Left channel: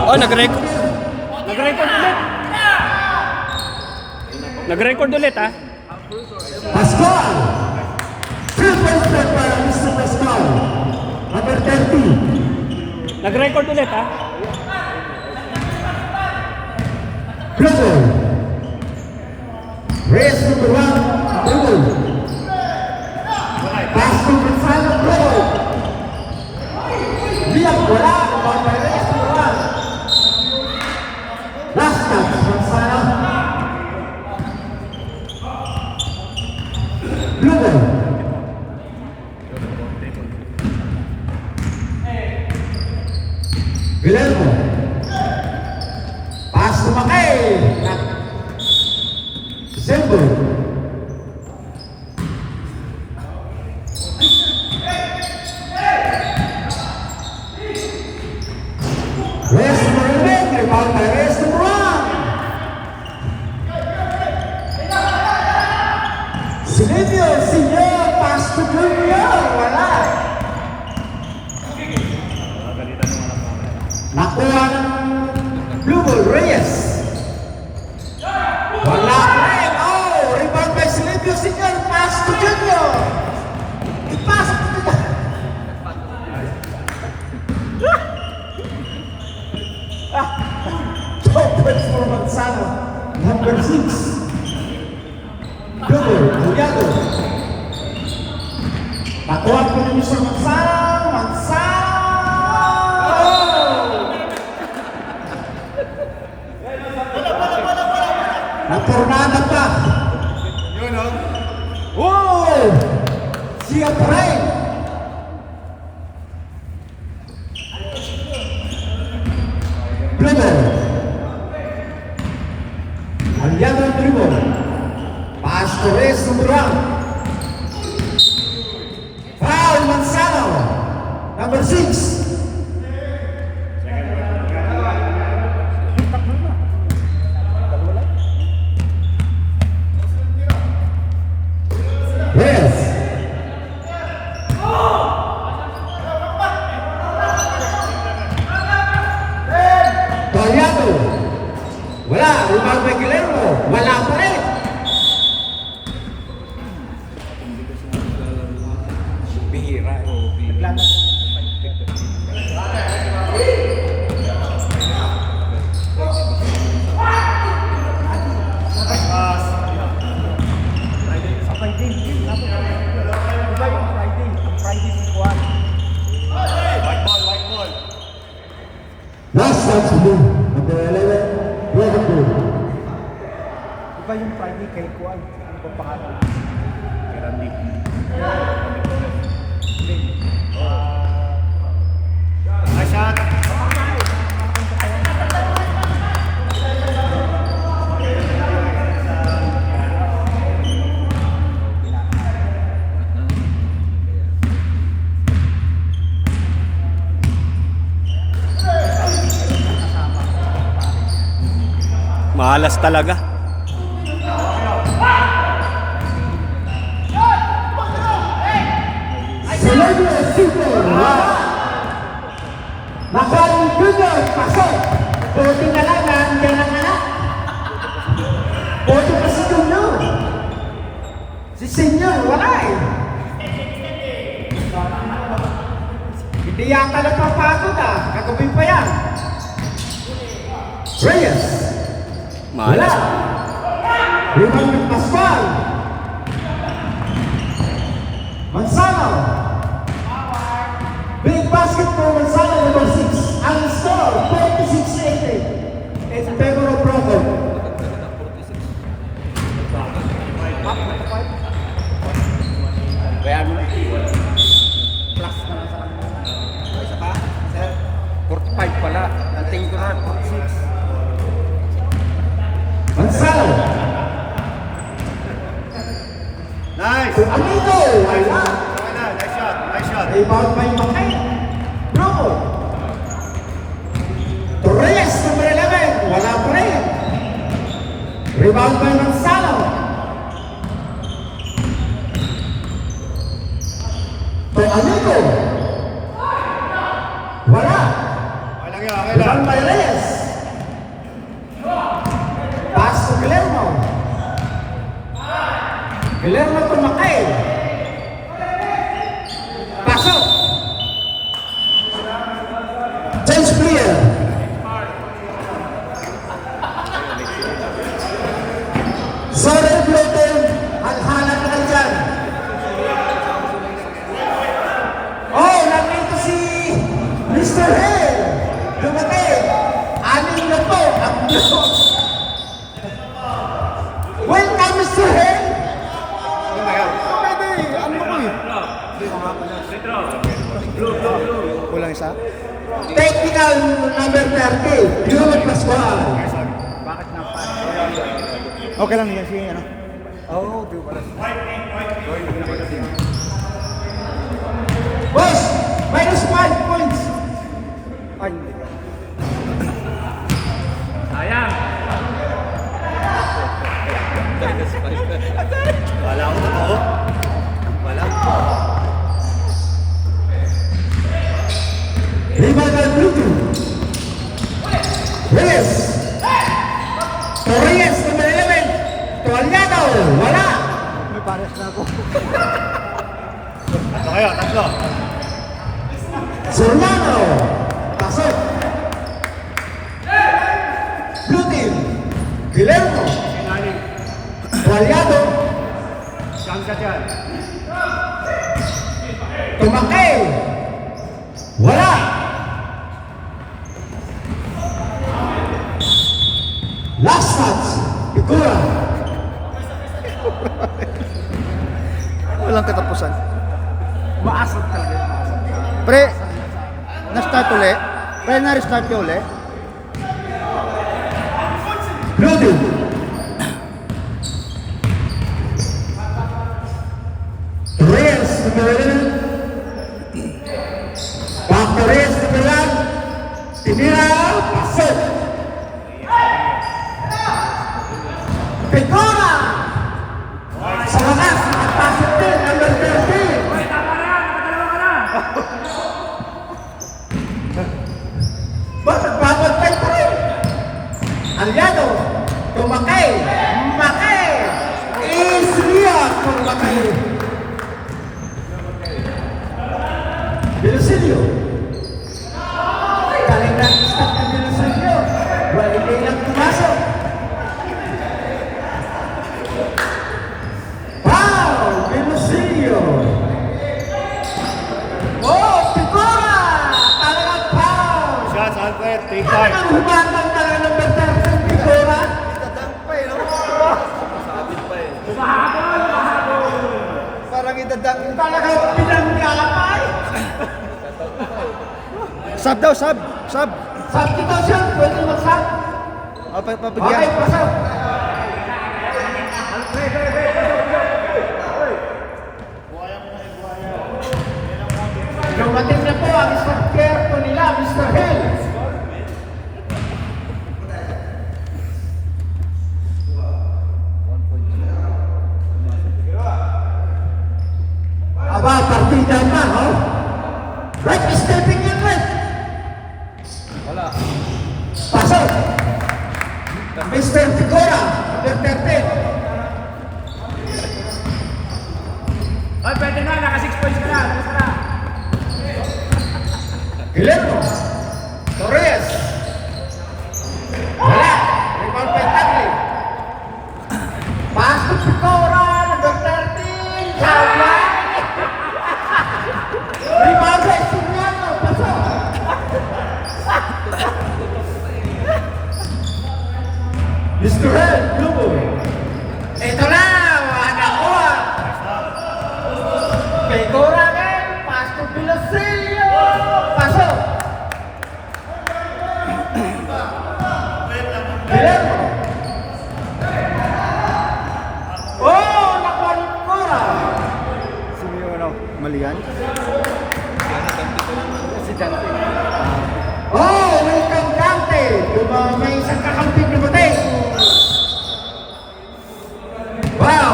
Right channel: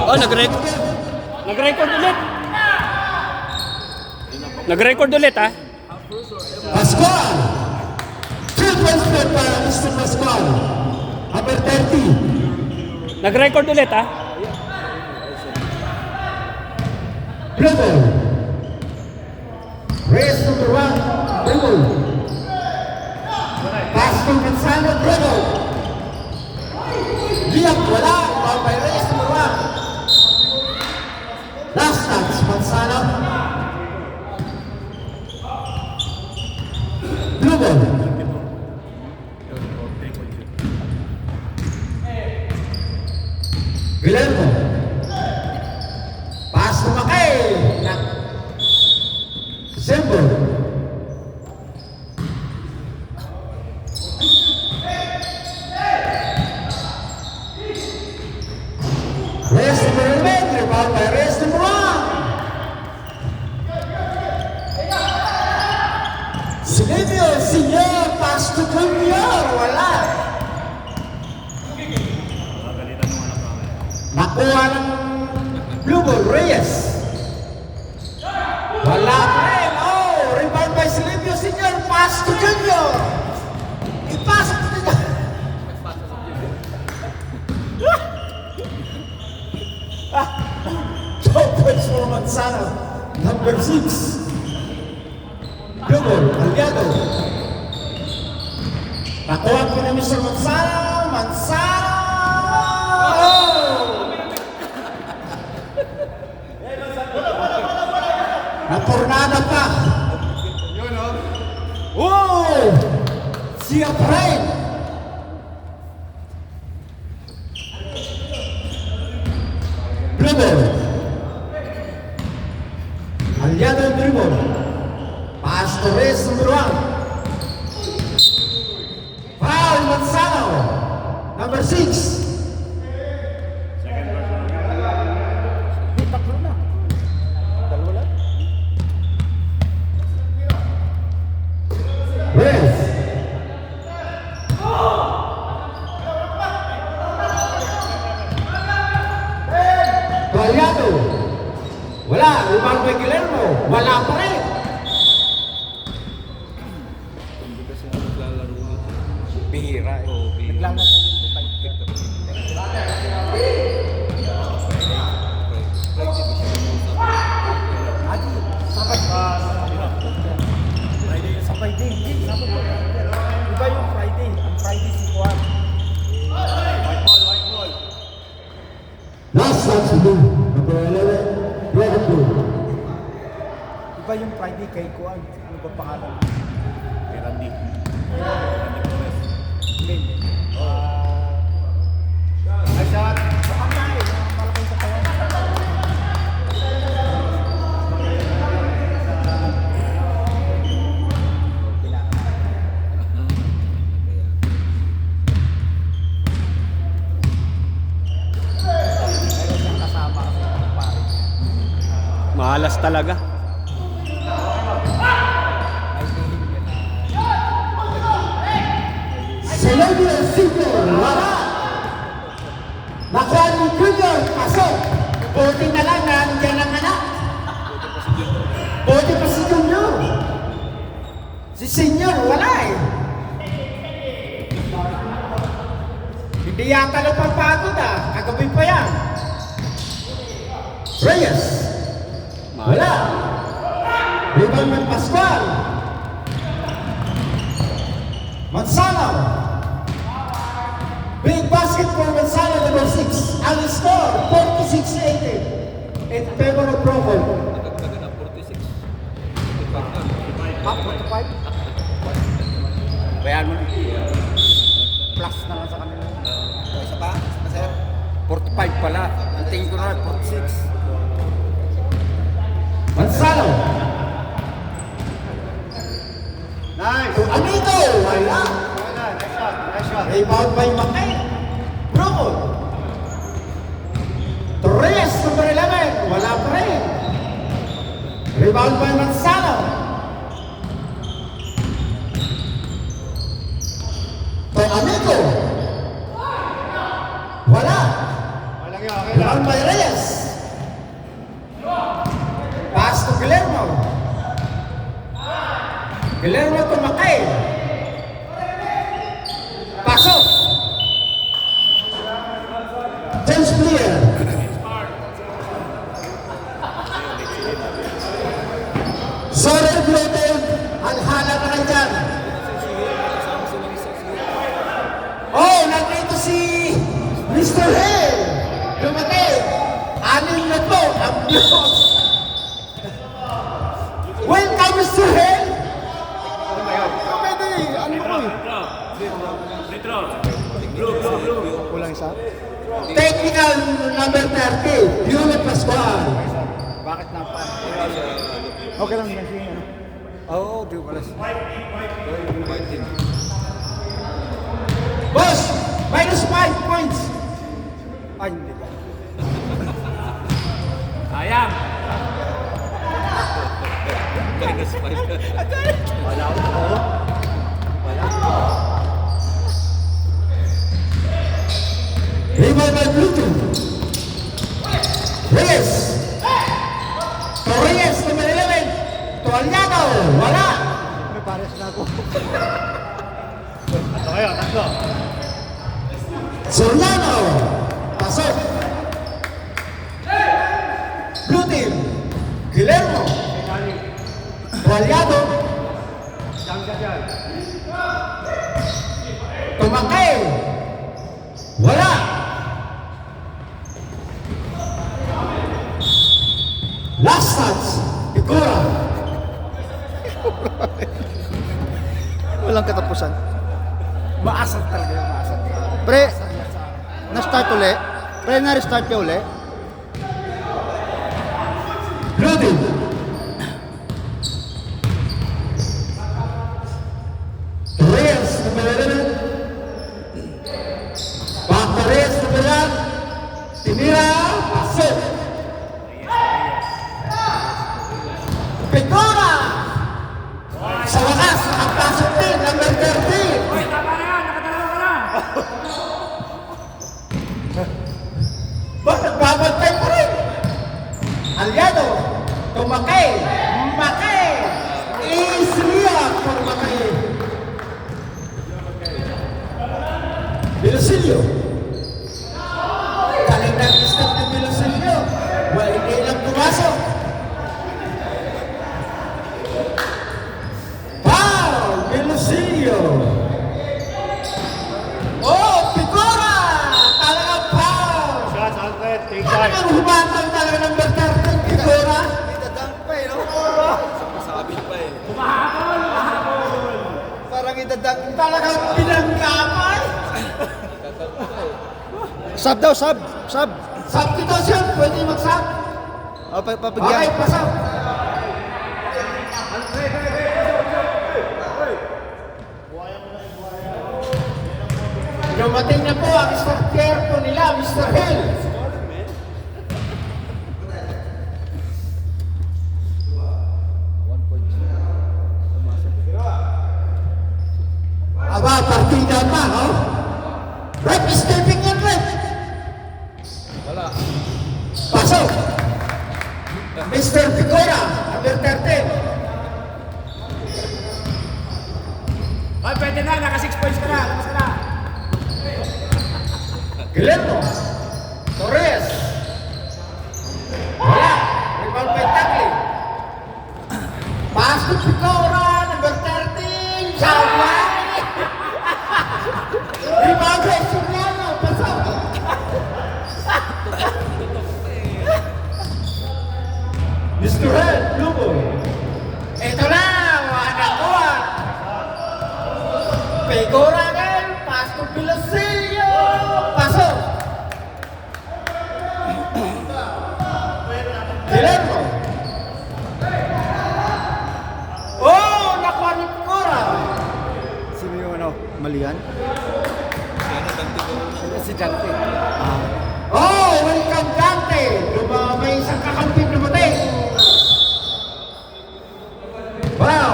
Oh, nag-record. Nag-record ulit. Nag-record ulit, ha? Pascual! Triple step para Mr. Pascual. Number 30. Nag-record ulit, ha? Blue ball. Race number 1. Blue ball. Pass to Gonzalo. Blue ball. Liam wala. Race number 1. Last touch. Gonzalo. Blue ball. Guillermo. Pass to Makay. Sembo. Rest number 11. Rebound by rest number 1. Silvio, Silvio, pass to Junior. Wala. Nakuha ng blue ball, Reyes. Wala pa rin. Oh, rebound by Silvio, Silvio, pass to Junior. I-pass to Junior. Toppers for Manzano. Number 6. Blue ball, Aliado. Nakuha ko na niyo sa Manzano. Napornada pa. Yun o. Oh! Si Apren. Dribble. Aliado ang dribble. Pass to Reyes number 1. Foul Manzano. Number 6. Wala, rebound by Guillermo. Wala pa rin. Bihira. Last touch mo. Number 11. Iba yung Friday kay Kuan. Ano ba pangalan? Randy. Nice shot. Malas talaga. Nakuha ni Junior kasi pwede na lang nandiyan ang anak. Pwede pa si Junior. Si Senior wala eh. Hindi yata napapagod ah. Kagabi pa yan. Reyes. Wala. Rebound ng Pascual. Manzano. Big basket for Manzano, number 6. Ang score, 46-80. In favor of Provo. Kaya ano? Plus na lang sa kanila. Isa pa? 45 pala. Ang tingin ko na 46. Manzano. Nice! Amigo. Wala. Nice shot. Nice shot. Rebound by Makay. Provo. Torres, number 11. Wala pa rin. Rebound by Manzano. Amigo. Wala. Walang yan. Guillermo Tumakay. Pasok. Change player. Solid loaded. Alhala ka dyan. Oh, nandito si Mr. Hill. Dumating. Anim na po. Ang blocks. Welcome, Mr. Hill. Ano ko eh? Kulang isa? Technical number 30. Euro Pascual. Bakit na pa? Okay lang yan siya, ano? Oo, Dubras. Boss, minus 5 points. Ay, hindi. Remember Bluetooth. Yes. Torres, number 11. Tualyado, wala. May pares na ako. Seriano, pasok. Blue team, Guillermo. Tualyado. Tumakay. Wala. Last touch, Figura. Walang katapusan. Maasap talaga. Pre, na-start uli. Pre, na-restart ka uli. Blue team. Torres, number 11. Back Torres, number 1. Tinira, pasok. Figura. Sa wakas, nakapasok din, number 13. Bakit babantay pa rin? Aliado, Tumakay, Makay, Isria, Tumakay. Bilosilio. Galing na ang stop na Bilosilio. Hindi lang pumasok. Foul, Bilosilio. Oh, Figura! Talagang foul! Shots on net, take five. Talagang humangang talaga ng Bertero Figura. Parang idadang. Talagang pinanggamay. Sub daw, sub. Sub. Substitution, pwede mag-sub. O, Okay, papigyan. pasok. Dumating na po ang structure po nila, Mr. Hill. Aba, partida na, no? Right, stepping in red. Pasok. Mr. Figura, number 13. Ay, pwede na, naka 6 points ka na. Guillermo. Torres. Wala. Rebound by Tagle. Pass to Figura, number 13. Sawa. Rebound by Siniano. Pasok. Mr. Red, Blue Boy. Ito na, wala ko. Figura again, pass to Bilosilio. Pasok. Guillermo. Oh, nakuha ni Figura. Sino yung ano? Mali yan. Si Jante. Oh, welcome Dante. Lumamay sa kakamping na batay. Wow.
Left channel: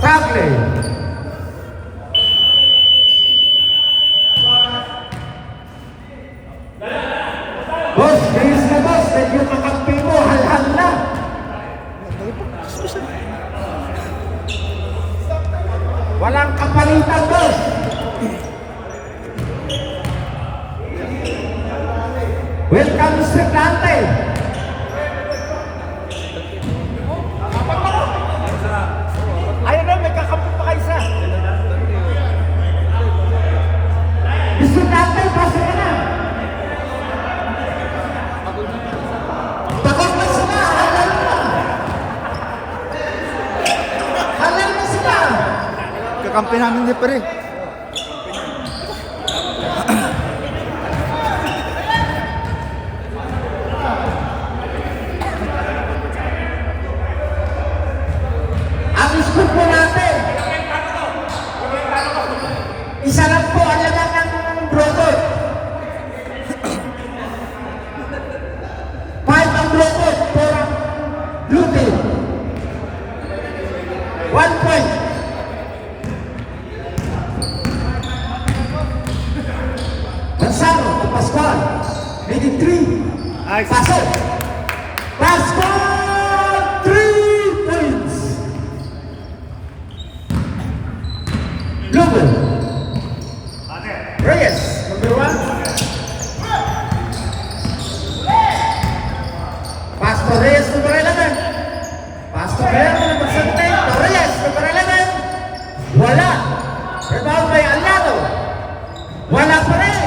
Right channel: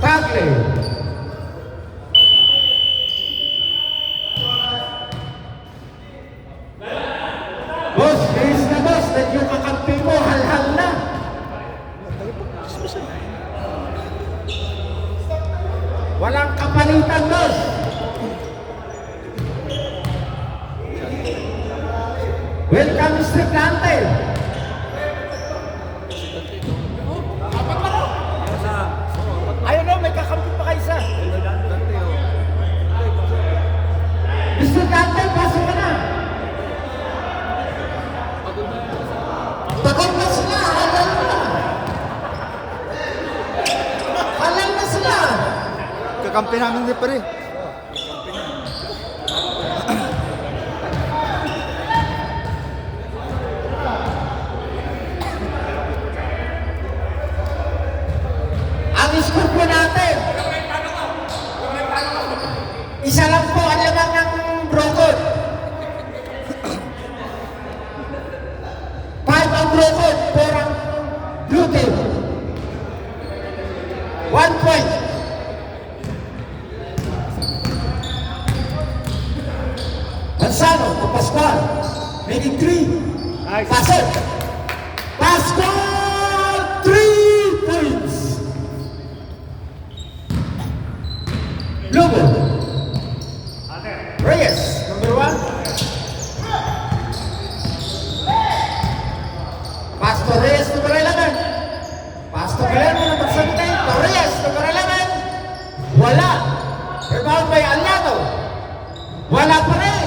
Tagle. Boss, base na boss. Medyo kakampi mo, halhal na. papalitan, boss. Welcome, Mr. Dante. Ayun na, may kakampi pa kayo isa. Mr. Dante, pasok ka na. Takot na sila. Halal na. Halal na sila. Kakampi namin ni Pere. Ang score po natin. Isa lang po ang laman ng Broncos. 5 ang Broncos, 4 ang Blue Team. 1 point. Gonzalo, Pascual, making 3. Nice. Pasok. Pascual, 3 points. Lugo. Reyes, number 1. Pastor Reyes, number 11. Pastor Guerrero, number 17. Torres, number 11. Wala. Rebound by Aliado. Wala pa rin.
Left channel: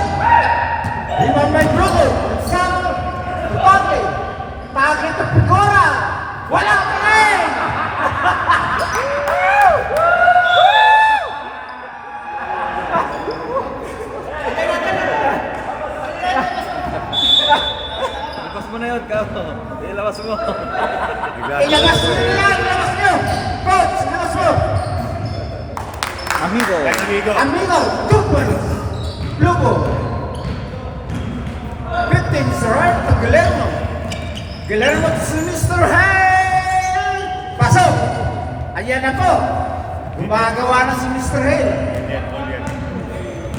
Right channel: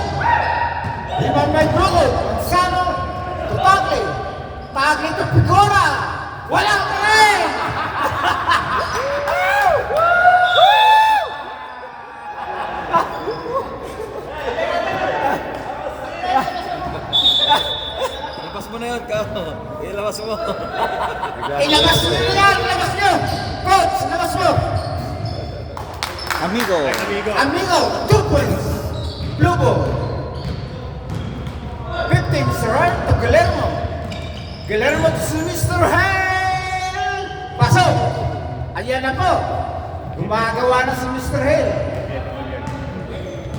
Rebound by Bruno. Sano. Tote. Tagli to Picora. Wala pa rin. Labas mo na yun, Kao. Ilabas mo. Ilabas nyo yan. Ilabas nyo. Coach, ilabas mo. Amigo. Amigo, 2 points. Lugo. 15, Sir to Guillermo. Guillermo to Mr. Hale. Pasok. Ayan na po. Gumagawa na si Mr. Hale.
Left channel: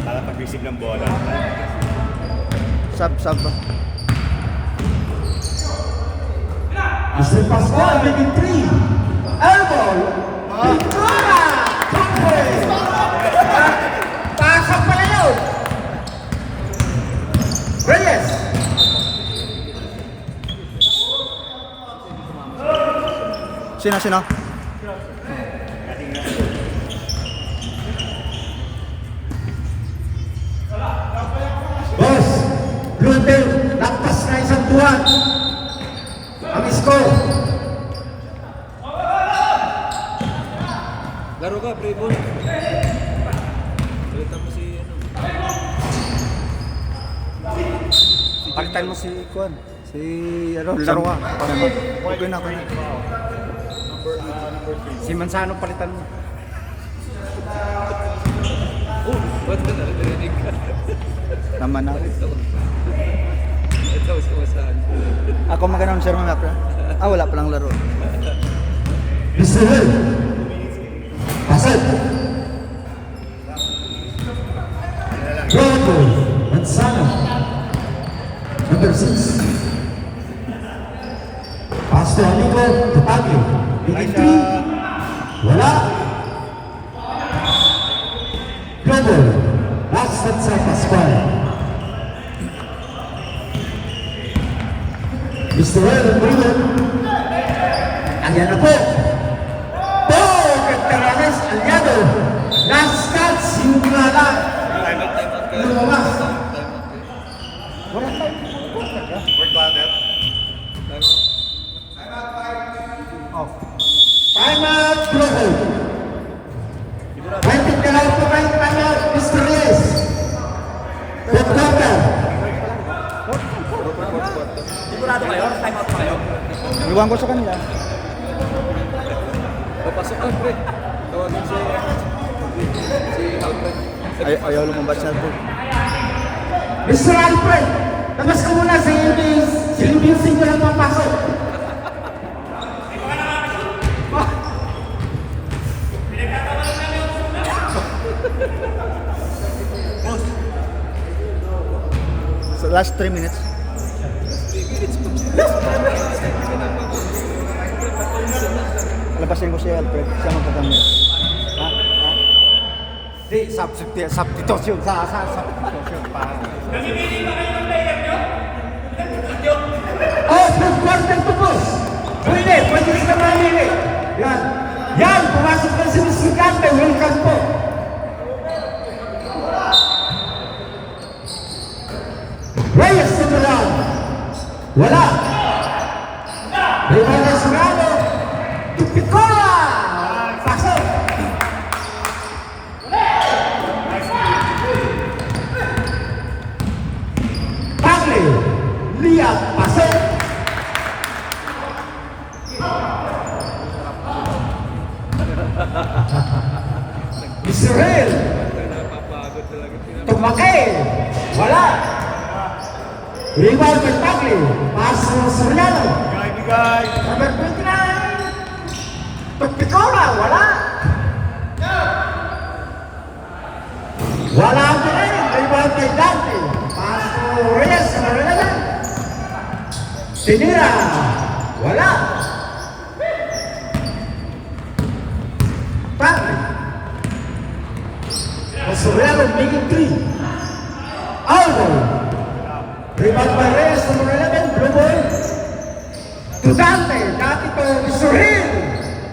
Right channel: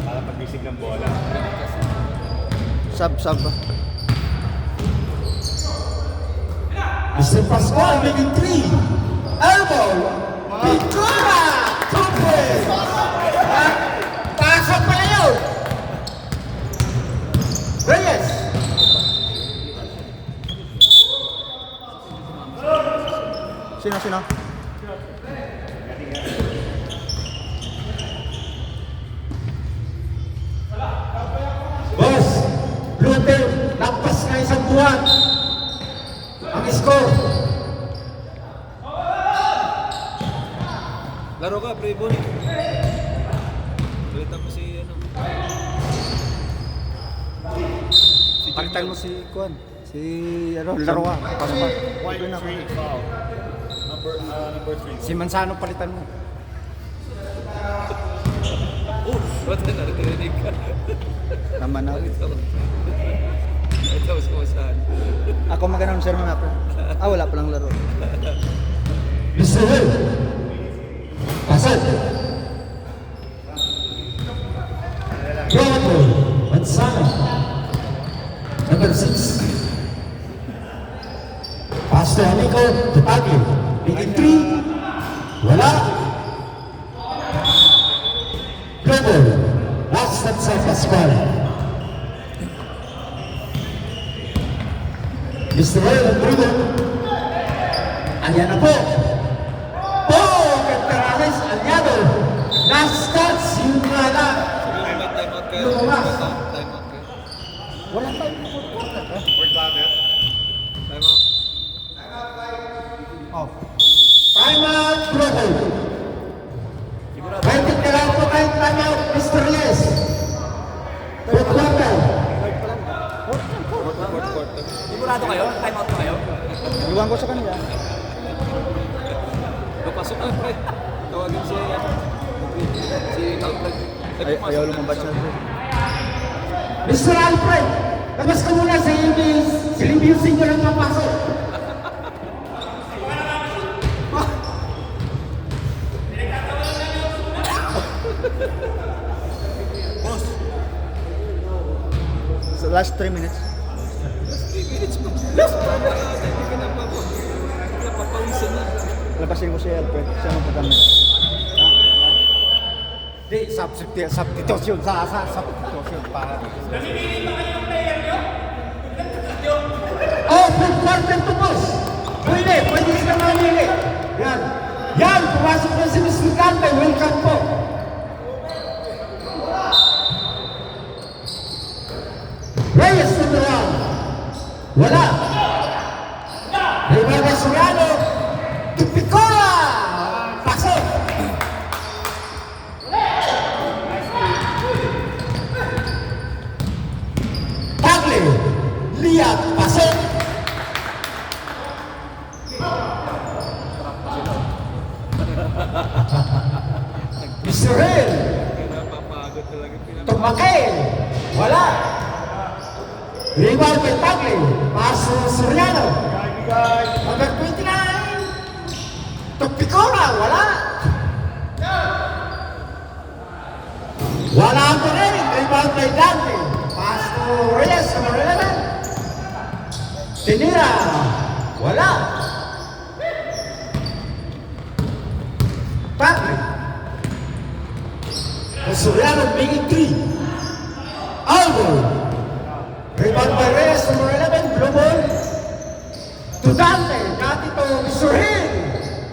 Nakakagisig ng bola. Sab. Mr. Pascual making 3. Elbow. Pictura. 2 points. Pasok pala yun. Reyes. Sino? Boss, Luther, lampas na isang buwan. Ang score. Laro ka, Playboy. Balitan mo si... Palitan mo si Kuan. Si laro ka. Paano ba? Okay na. Si Manzano palitan mo. Oh, ba't ka naririnig ka? Naman na. Ito, sumasahan. Ako mag-announcer mga pre. Wala palang laro. Mr. Hill. Pasal. Bronco. Manzano. Number 6. Pastor Anico. Tapagli. Making 3. Wala. Global. Last at sa Pascual. Mr. Hill and Bruno. Ayan na po. Cantaranes Aliado. Last touch. Simula. Lumabas. Wala tayo. Time out, Bruno. Baitin ka lang po tayo. Time out, Mr. Reyes. Pagkakal. Sigurado kayo? Time out pa kayo? Iwan ko sa kanila. Papasok ka, pre. Tawagin si Alfred. Ayaw lumabas na ito. Mr. Alfred, labas ka muna sa silibiyusin ko lang papasok. So last 3 minutes. Labasin ko si Alfred. Siya magkagamit. Ha? Di, substitution substitution pa. Namimili ba kayo ng player nyo? Oh, full quarter to boss. Pwede rin ka mamili. Yan. Yan, pumasok na si Mr. Cante. Welcome po. Reyes number 1. Wala. Reyes Soriano. Tupicola. Pasok. Tagle. Lia. Pasok. Israel. Tumakay. Wala. Rebound kay Tagle. Paso Soriano. Number 29. Tupicola. Wala. Wala ang rin. Rebound kay Dante. Paso Reyes. Number 11. Tinira. Wala. Tagle. Soriano making 3. Aldo. Rebound by Reyes, number 11, dribble. To Dante, dati to Israel.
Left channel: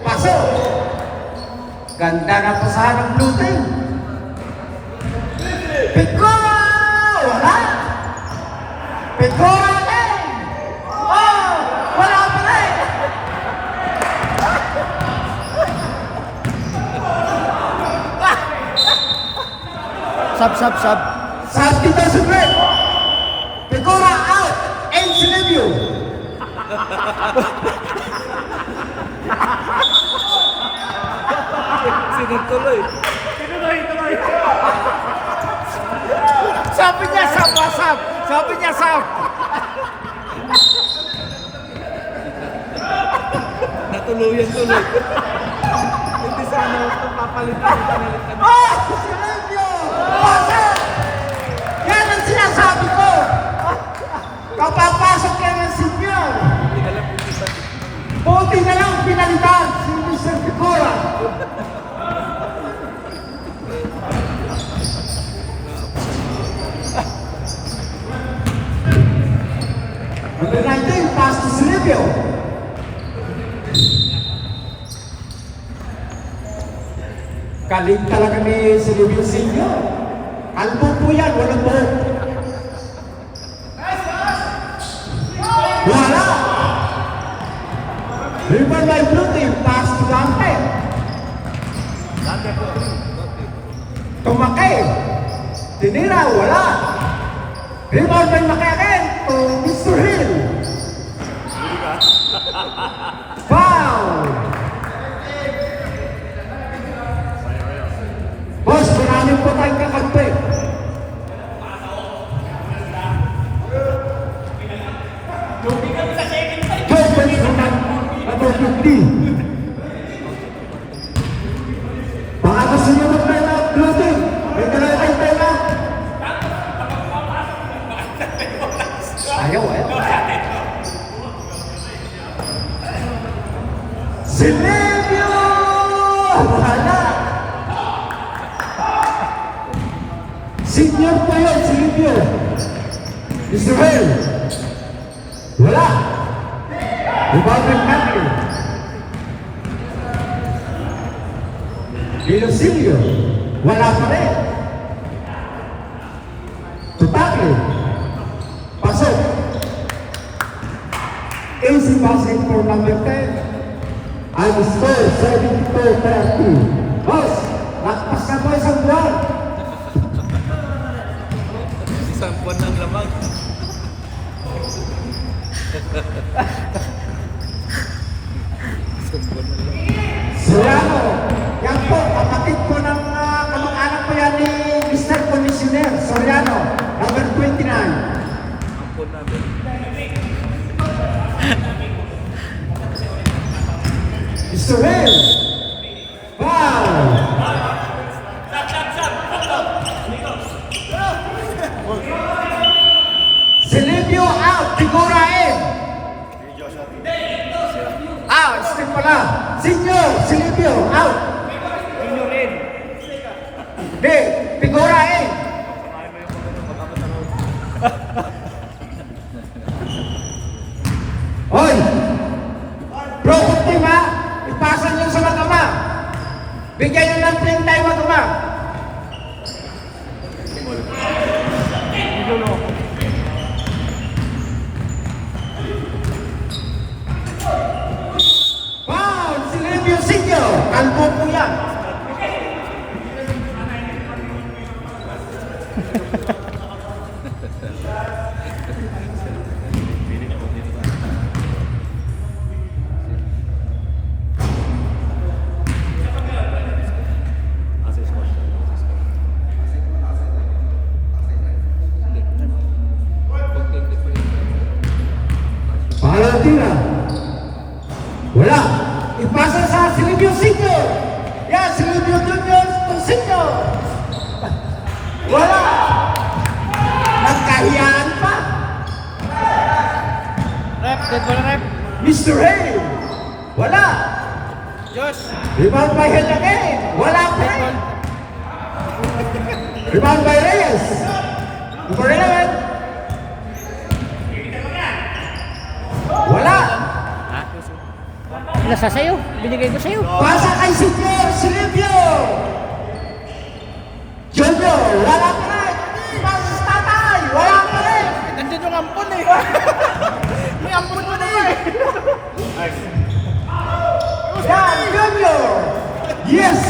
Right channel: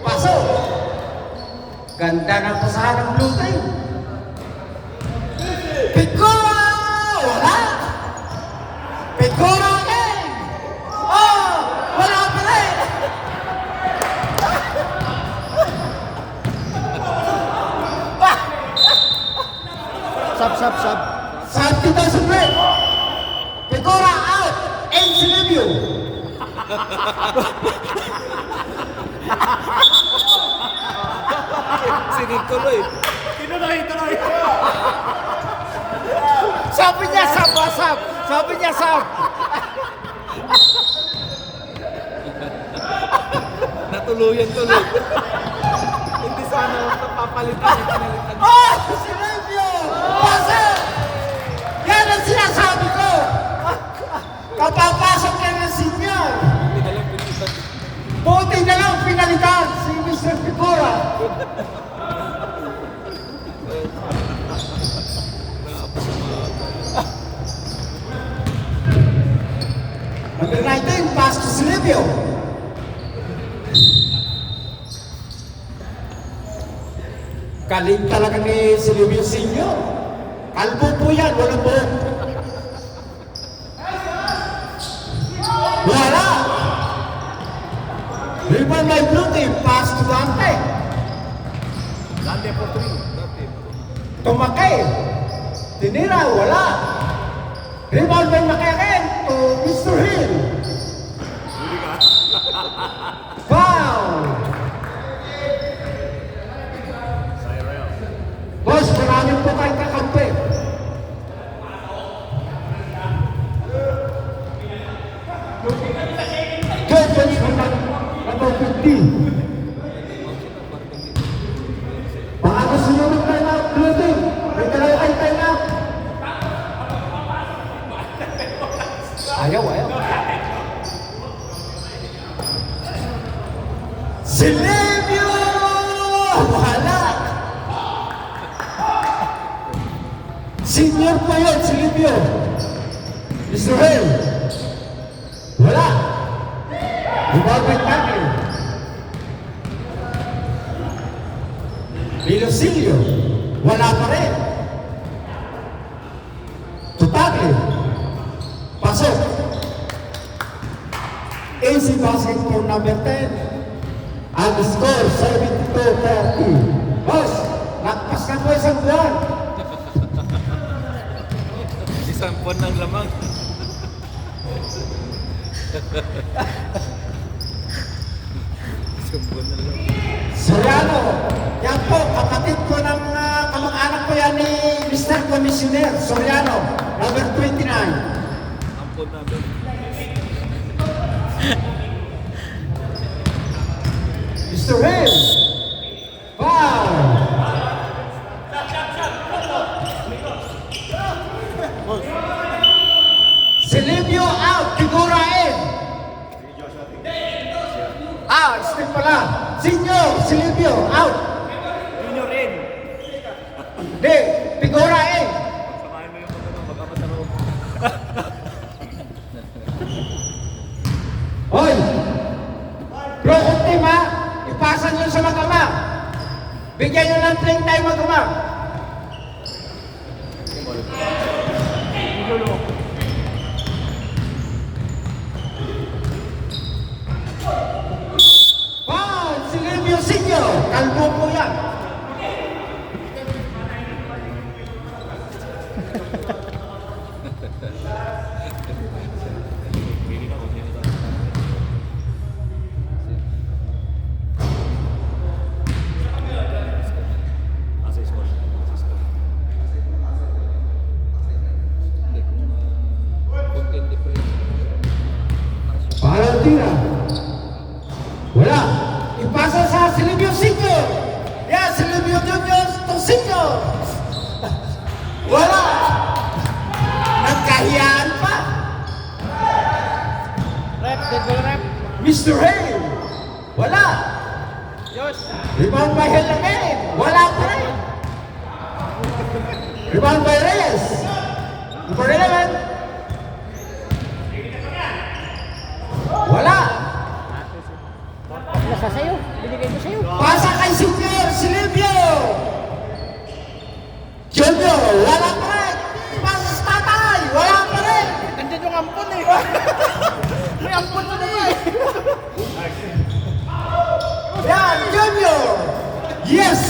Pasok. Ganda ng pasahan ng blue team. Picola! Wala. Picola ulit. Oh! Wala pa rin. Sub. Sa 2000 red. Picola out. And Silvio. Sinutuloy. Tinuloy. Sabi niya sub. Sabi niya sub. Natuluyan tuloy. Hindi sana papalitan. Oh! Silvio! Pasok! Yan ang sinasabi ko. Kapapasok ka ng senior. Buti na lang pinalitan si Mr. Picola. Number 19, pass to Silvio. Kaling talaga ni Silvio Senior. Kalbo po yan, walang buhok. Wala! Rebound by blue team, pass to Dante. Tumakay. Tinira, wala. Rebound by Macaen to Mr. Hill. Foul! Boss, maraming po tayong kakampi. Judges from number 15. Baka sumunod na na, Rudy. May talay tayo na. Ayaw. Silvio! Wala! Senior po yun, Silvio. Israel. Wala. Rebound ng Tagle. Silvio. Wala pa rin. To Tagle. Pasok. Easy passing for number 10. Ang score, 72-40. Boss, nakpas na po isang buwan. Isang buwan ng lamang. Soriano, yan po, kapatid ko ng kamag-anak ko yan ni Mr. Commissioner Soriano, number 29. Israel. Wow. Silvio out, figura in. Step pala. Senior, Silvio out. Di, figura eh. Hoy! Broken team ha! Ipasa nyo sa magama. Bigyan nyo ng 30 magama. Wow! Si Livio Signo! Kalbo po yan. Palatira. Wala. Ipasa sa Silvio Signo. Yan, Silvio Junior Signo. Wala. Nagkahiyaan pa. Rep, good ball, rep. Mr. Hay. Wala. Josh. Rebound by Helene. Wala pa. Rebound by Reyes. Number 11. Wala. Nasa sa'yo. Binigay ko sa'yo. Pasa kay Super Silvio. Junior. Wala pa rin. Pasa sa tatay. Wala pa rin. Nandun yung ampon eh. May ampon mo na eh. Yan, Junior. Yes.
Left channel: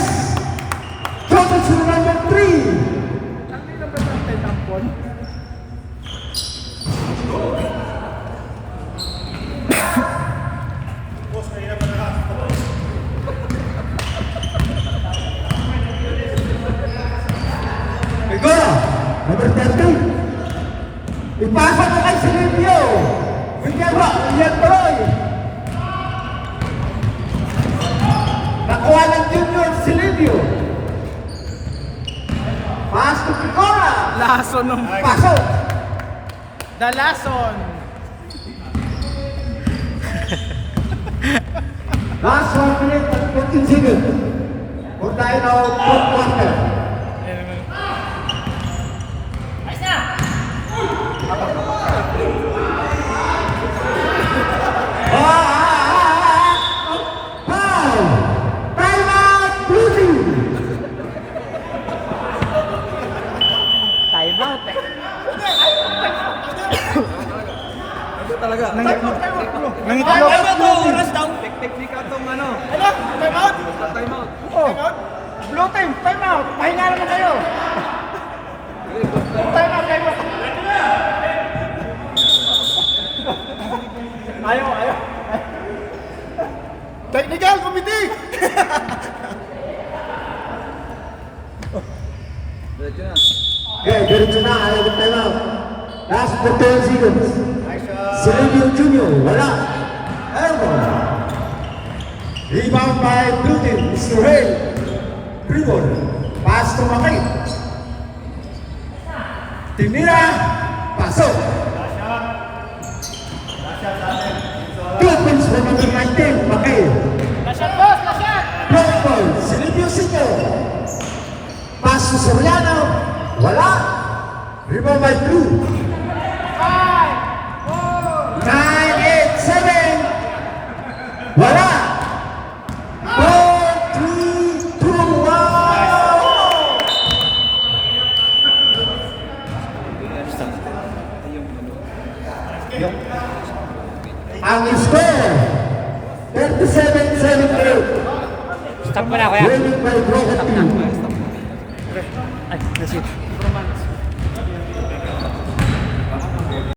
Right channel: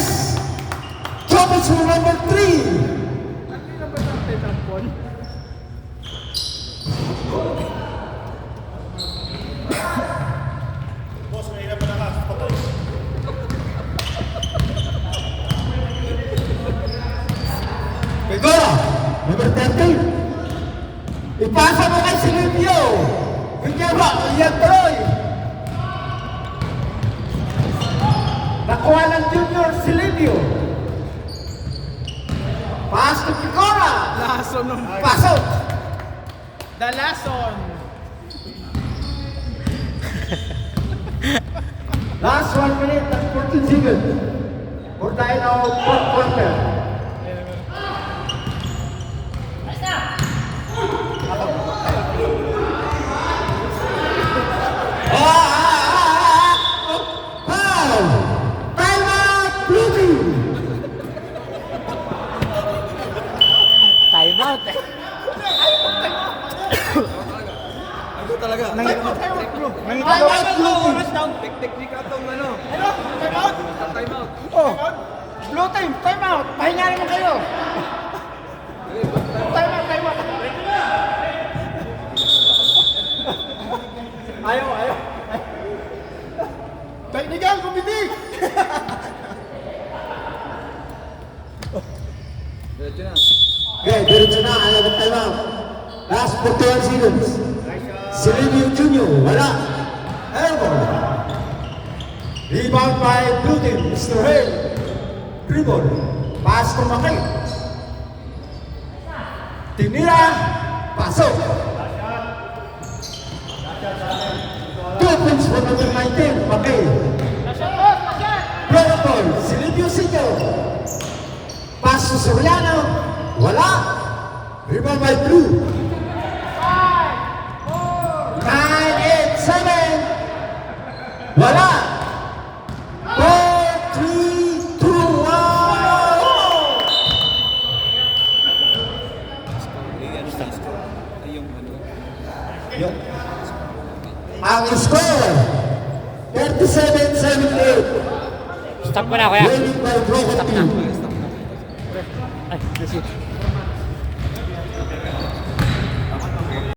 Jumps to number 3. Hindi na ba tayo ng ampon? Pegora, number 13. Ipasa mo kay Silvio. Yung kaya yan Troy. Nakuha ng Junior Silvio. Pass to Pegora. Lason ng... Pasok. Dalason. Last 1 minute and 14 seconds. For the end of fourth quarter. Time out eh. Teknik atong ano? Ano? Time out? Time out. Oh. Blue time, time out. Pahinga naman kayo. Time out, time out. Ayaw. Technical committee. Okay, diretso na. Ayaw ng time out. Last 12 seconds. Silvio Junior. Wala. Rebound by Blue Team. Mr. Hay. Dribble. Pass to Makay. Tinira. Pasok. 2 points from number 19. Makay. Play ball. Silvio Signo. Pass to Soriano. Wala. Rebound by Blue. 9, 8, 7. Wala. 4, 3, 2, 1. Ang score 37-78. Stop ko na kuya. Winning by Broken Team. Ay, nasip.